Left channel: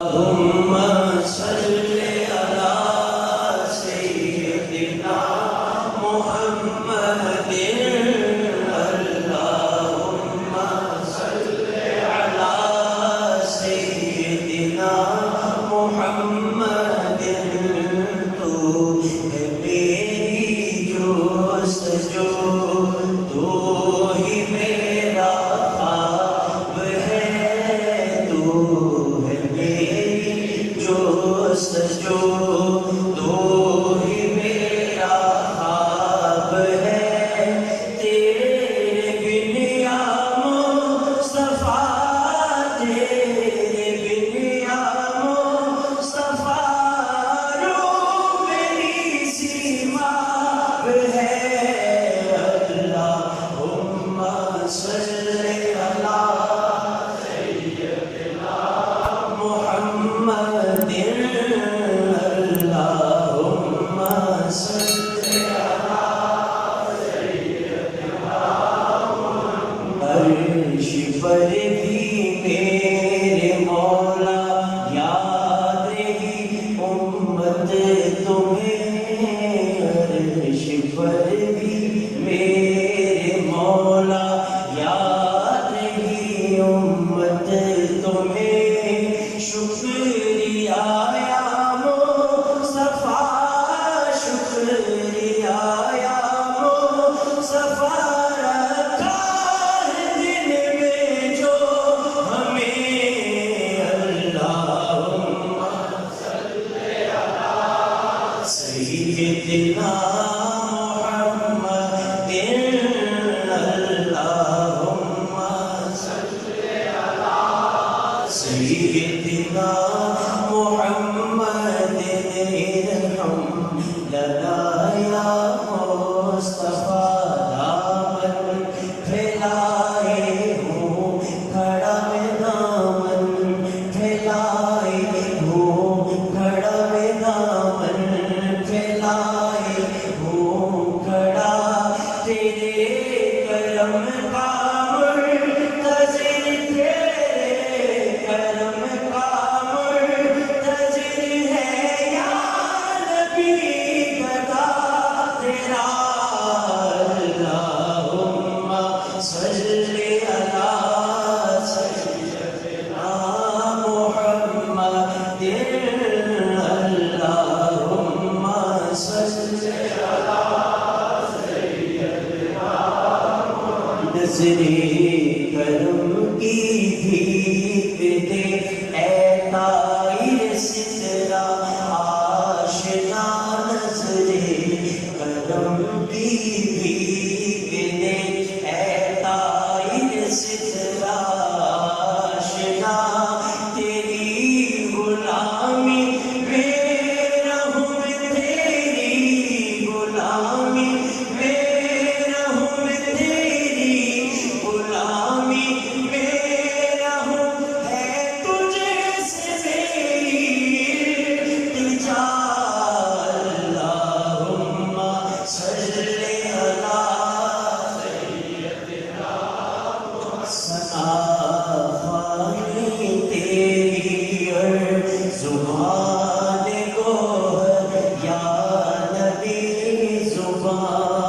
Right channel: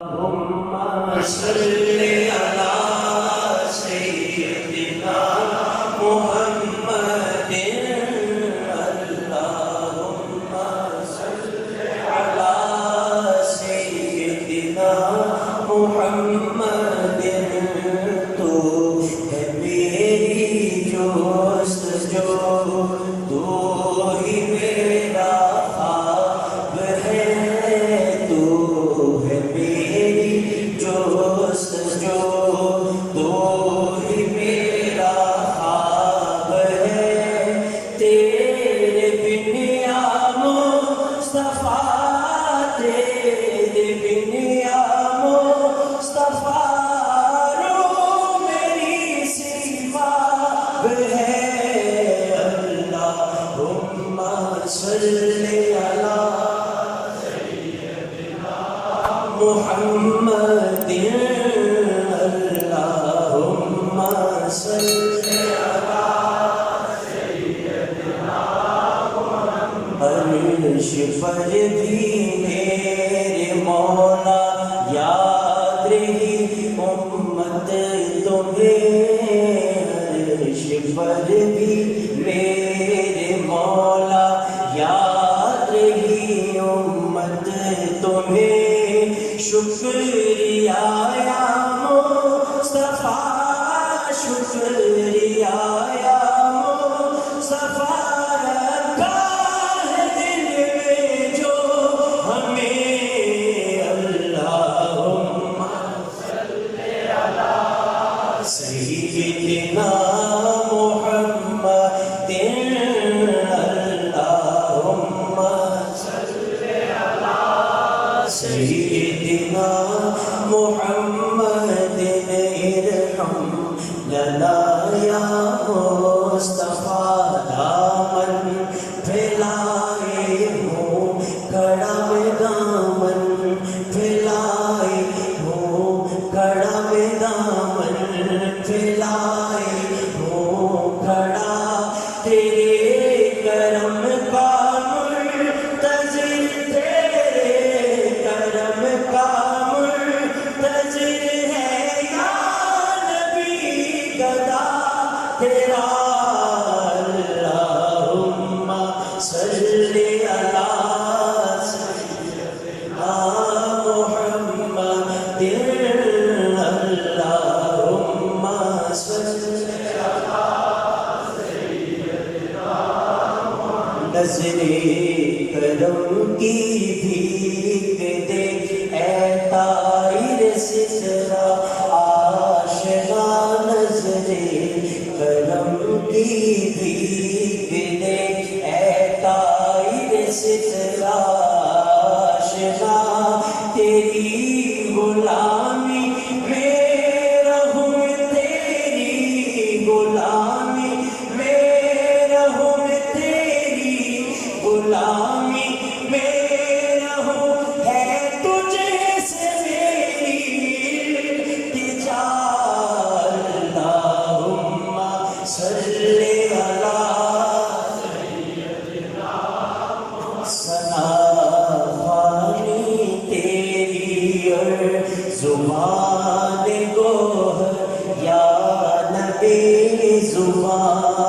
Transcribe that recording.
اللهم صل على سيدنا محمد اللهم صل على سيدنا محمد تو ہے میری جستجو تو ہی میرا خواب ہے تو ہے میری جستجو تو ہی میرا خواب ہے تیرے بن یا مصطفیٰ تیرے بن یا مصطفیٰ رو میری سیما ہے اللہم صل علی محمد اللہم صل عرش پر بھی میرے مولا یاد رہی امت تمہیں عرش پر بھی میرے مولا یاد رہی امت تمہیں شکریہ یا مصطفیٰ شکریہ یا مصطفیٰ رکھا ہے دل میں جو ہمیں اللہم صل علی سیدنا محمد اللہم صل علی سیدنا محمد ارحم لنا یا مصطفیٰ دامن پھیلائے ہو کھڑا میں دامن پھیلائے ہو کھڑا میں دامن پھیلائے ہو کھڑا تیرے کرم کا منتظر تیرے کرم کا منتظر ہے یا نبی گدا تیرا اللہم صل علی سیدنا محمد اللہم صل نظر کرم کی بھیک دے اے طائر سترہ آشنا نظر کرم کی بھیک دے اے طائر سترہ آشنا تیری غلامی میں رہوں تیری غلامی میں رہوں تیری غلامی میں رہوں ہے تجھے سے میری التجا اللہم صل علی ثنا خوانی تیری اور زبان گوہر یا نبی زبان